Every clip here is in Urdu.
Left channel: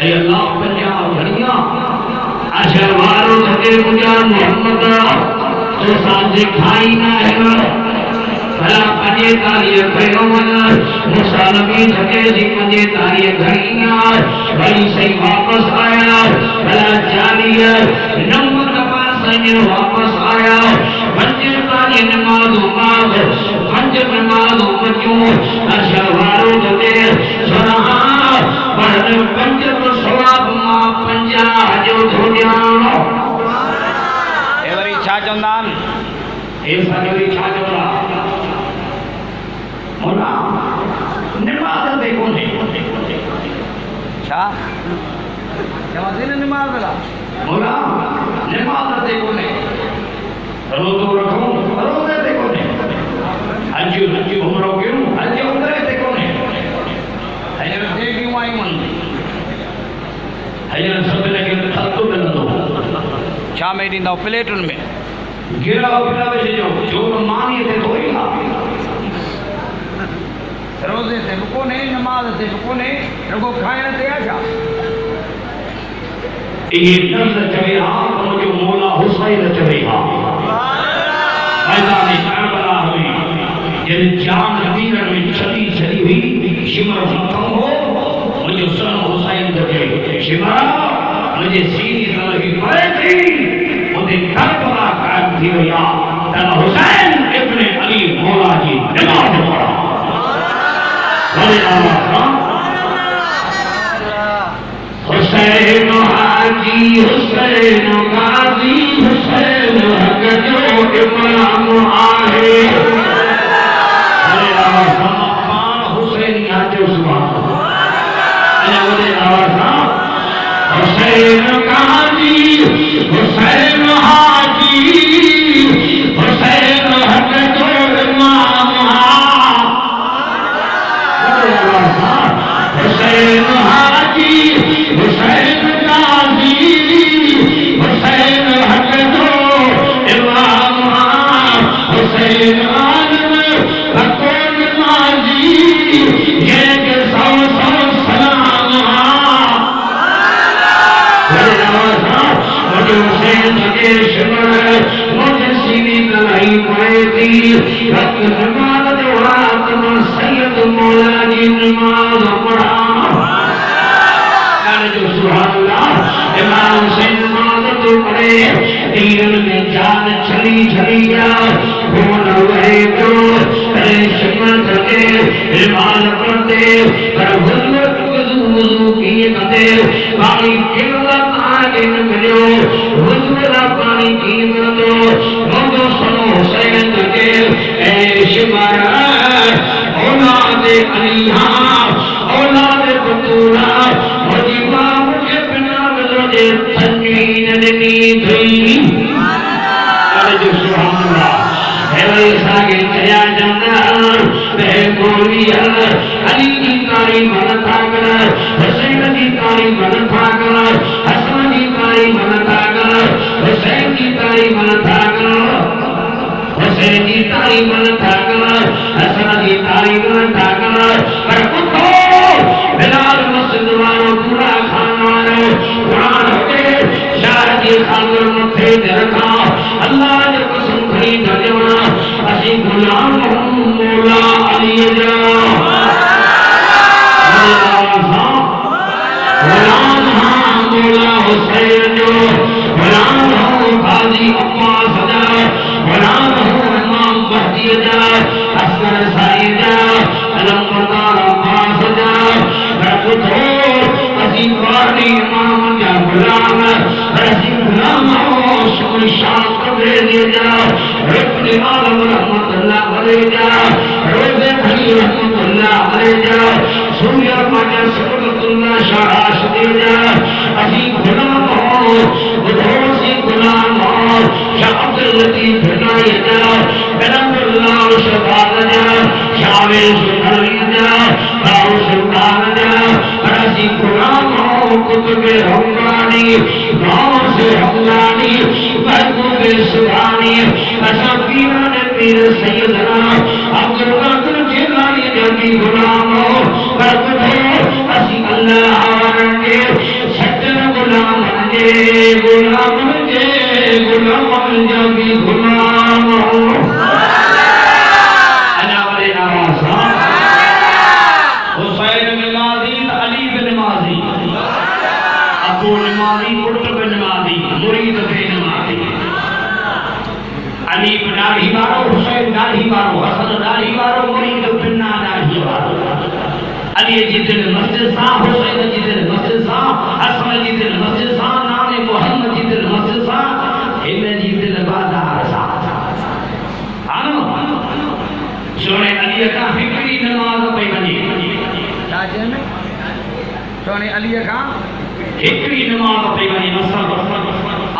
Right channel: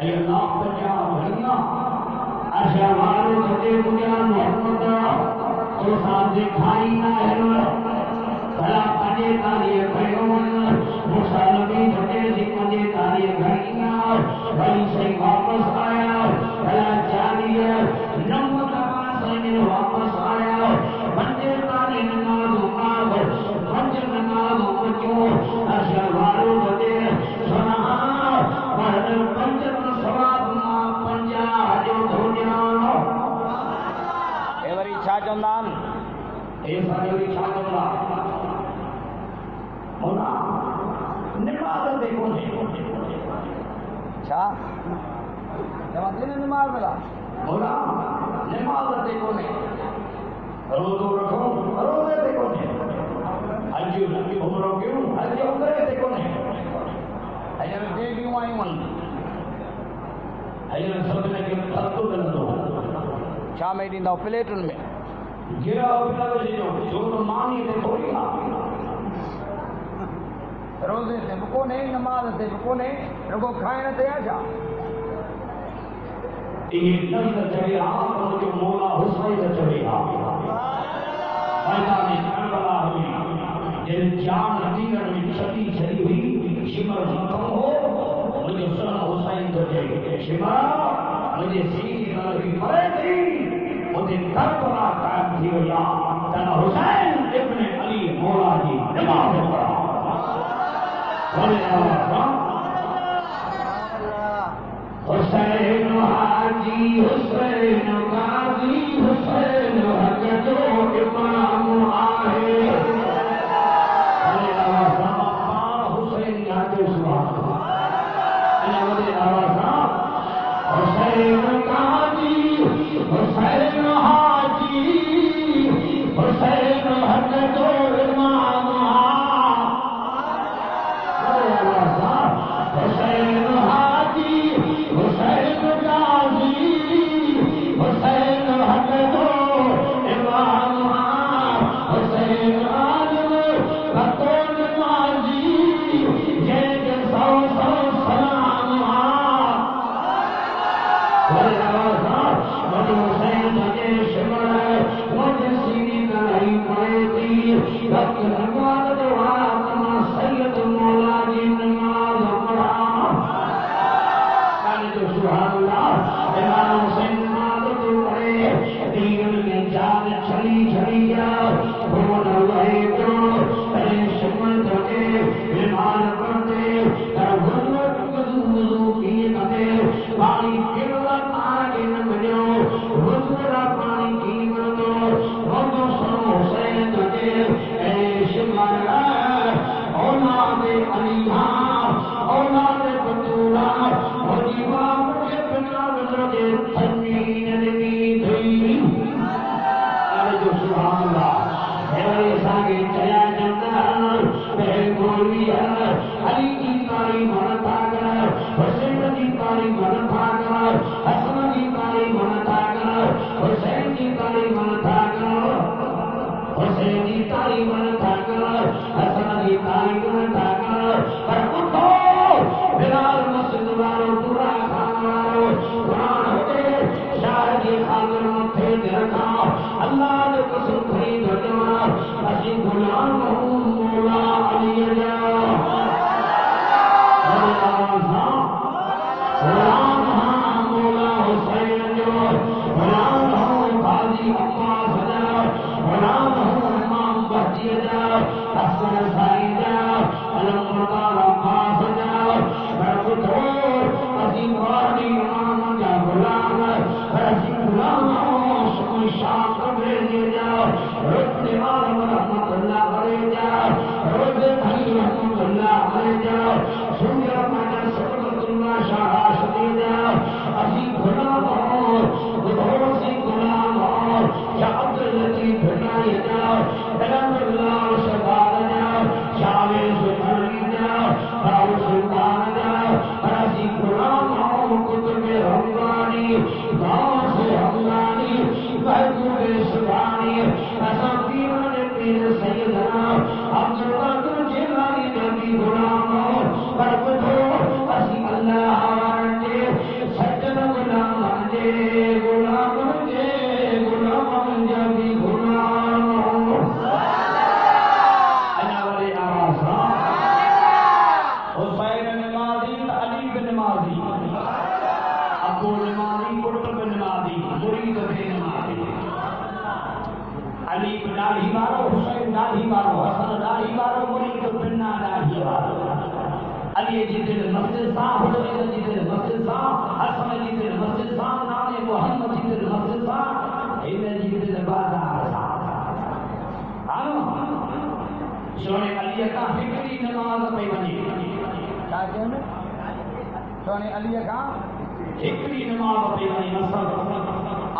اے اللہ پنجاب گھڑیاں اشہواروں سے مجھا محمد تو ساتھ کھائی نہ ہے بھلا پنجے تاریہ پیغمبر موسیٰ نبی جھکے سی پنجے تاریہ گھڑیاں بھلی صحیح واپس آیا بھلا جالیہ نمت پاسیں واپس آیا پنجے تاریہ نمازوں ماغ پنجے نمازوں بچوں اشواروں جتے سرہاں پڑھنے پنجے تو سواب ماں پنجا جو دھوڑیاں اے وری چھا چندان اے سانجوری چھا چندان مولا نماز دے کونے چھا جواب دینے نماز بلا مولا نماز دے کونے روزو رکھوں روزے دے کونے حج عمروں کیوں حج عمرے دے کونے حجر دے کیوں آئی من حجر سب لگے خطو ملندو چھا میں دیندہ پلیٹن میں گرا پلا بچے جو مانی تے کوئی روزے تے بکو نہیں نماز تے بکو نہیں رگو کھائن تے آجا یہ نفس چوے آپ مجھو مولا حسین چوے آپ میدان کربلا ہوئی جن جان دیرن میں چلی چلی ہوئی شمر ختم ہو مجھو سن حسین چوے شمر مجھے سینی طرحی پڑے تھی مجھے کربلا قائم تھی ہویا تن حسین ابن علی مولا جی نماز پڑھا حسین حاجی حسین غازی حسین حق جو امام آئے سمقان حسین حاجی حسین غازی حسین حاجی حسین حق جو امام حسین حاجی حسین غازی حسین حق جو امام حسین عالم حق نمازی یہ کہ سو سلام مجھے حسین کے شمر مجھے سینی تلائی پڑے تھی حق نماز دوات میں سید مولا جی نماز پڑھا جو سبحان اللہ امام حسین نماز تو پڑھے دیرن میں جان چھلی چھلی جا بھول ہوئے جو شمر تھکے ایمان پڑھتے پر حضرت وضو کیے کتے پانی قلت آگے ملیو حضرت پانی کی مردو بندو سنو حسین تھکے اے شمر اولاد علیہ اولاد بطولہ مجیبہ مجھے بنا مجھے تنوین دنی دھئی جو سبحان اللہ ہے وہی ساگے چیا جانا بے بولیا علی کی تعلیم بنتا کر حسین کی تعلیم بنتا کر حسن کی تعلیم بنتا کر حسین کی تعلیم بنتا کر حسین کی تعلیم بنتا کر حسن کی تعلیم بنتا کر پر کتو بلال مسجد والو پورا خان والو قرآن ہوتے شاہ کی خانور متھے درکھا اللہ نے قسم کھئی دجونا اسی غلام مولا علی جا غلام ہاں مولا حسین جو غلام ہوں قاضی عباس جا غلام ہوں امام بہتی جا اسکر سائی جا علم بردار عباس جا برکتو اسی قاری امام جا غلام اسی غلام ہوں شکر شاہ قبر دے جا رکن عالم رحمت اللہ علیہ جا روزے بھلی رحمت اللہ علیہ جا سویا پاکر سبت اللہ شاہاش دے جا اسی غلام ہوں بدھو سی غلام ہوں شاہ عبداللطیف بھنائی جا بلند اللہ شفاق جا شاوے سنری جا راو سلطان جا اسی غلام ہوں کتب رمضانی نام سے رمضانی محبوب سبحانی ایسا پیران پیر سیدنا عبدالقادر جیلانی جاکی غلام ہو برکتو اسی اللہ آرنگے سجن غلام جے غلام جے غلام جبی غلام انا والے آواز حسین نمازی علی بن نمازی ابو نمازی قطب نمازی مرید بے نمازی علی بن داڑھی وارو حسین داڑھی وارو حسن داڑھی وارو مرید بن داڑھی وارو علی جی دل مسجد ساں حسین جی دل مسجد ساں حسن جی دل مسجد ساں نام محمد جی دل مسجد ساں ہن جی دل بازار ساں آنو سونے علی کا فکری نماز پہ بنی راجے میں سونے علی کا فکری نماز پہ بنی نصر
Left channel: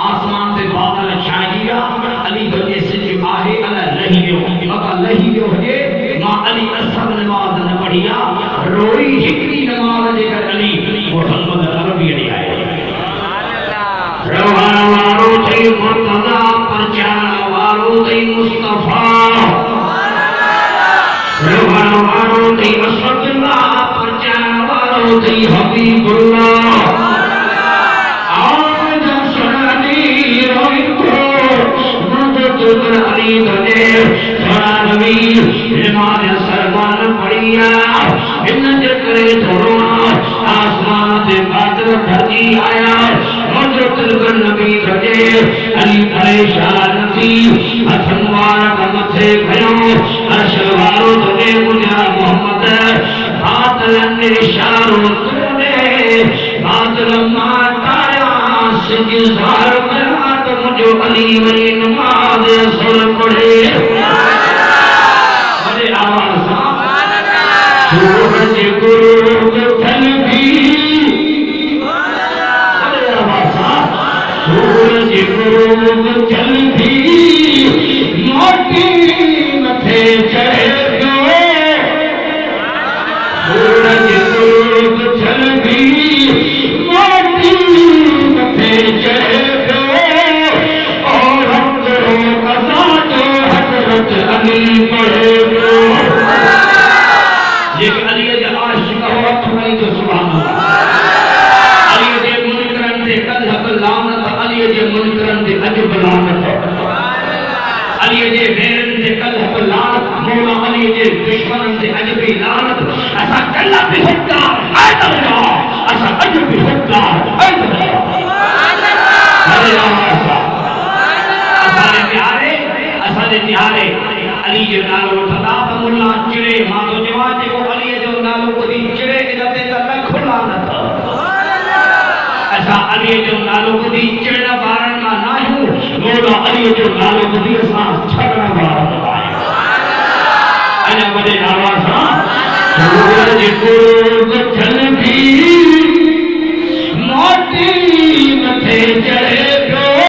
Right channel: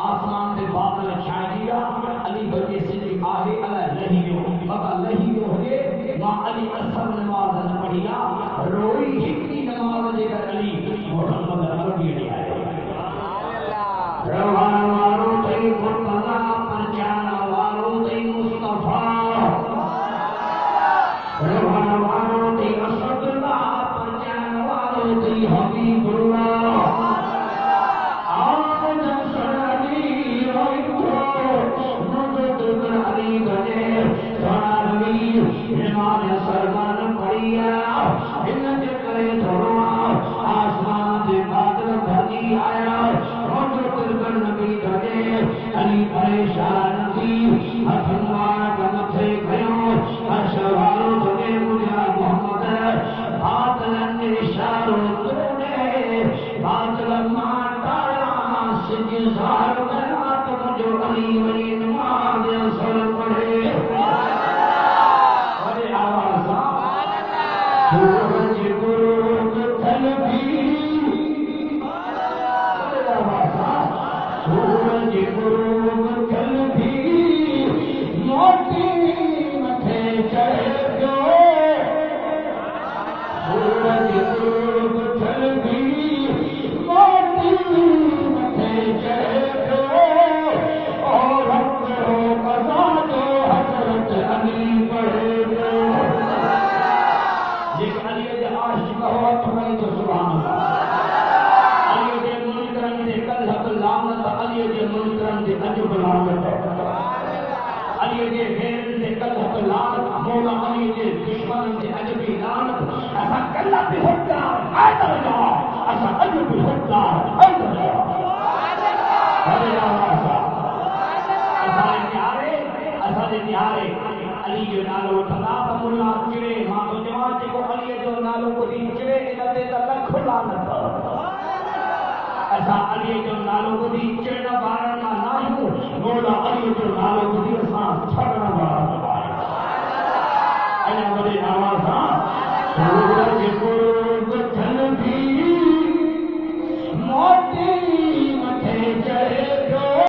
آسمان سے بادل چھائی گیا علی بجے سج آہے علی لہیو مکہ لہیو ہے ماں علی اصل نماز نہ پڑھیا روئی فکری نماز دے کر علی محمد عربی علی آئے روحان وارو تھی مرتضی پرچان وارو تھی مصطفیٰ روحان وارو تھی اسد اللہ پرچان وارو تھی حبیب اللہ آج سنانی روئی کو مدد علی بنے سنا نبی نماز سرمان پڑھیا ان جکرے تھوڑا آسمان سے بادل بھرتی آیا حضرت نبی بھجے علی پریشان تھی ہتھنوار کا متھے کھڑو ارشوارو تجھے مجھا محمد بادل نشارو تنے بادل ماتایا سجزار کرات مجھو علی ولی نماز سر پڑھے بڑے آواز سورج غروب تھل بھی سورج غروب چل بھی موٹی متھے چڑھے گو سورج غروب چل بھی موٹی متھے چڑھے گو اور ہم کرو قضا جو حضرت علی پڑھے گو لیکن علی جا عاشق ہو اٹھوائی تو سبحان اللہ علی جے منکرن دے کلہ لعنت علی جے منکرن دے عجب لعنت علی جے غیرن دے کلہ لعنت مولا علی جے دشمنن دے عجب لعنت اسا کلہ بھی حقدار حیدر اللہ اسا عجب بھی حقدار حیدر اللہ اسا دے پیارے علی جو نالو وٹھدا مولا چڑے ماں تو جوان جو علی جو نالو کو دی چڑے انتے تے لکھ لعنت اسا علی جو نالو کو دی چڑنا بارن ما ناہو مولا علی جو نالو کو دی اسا چھڑنا بارن انا بڑے آواز سورج غروب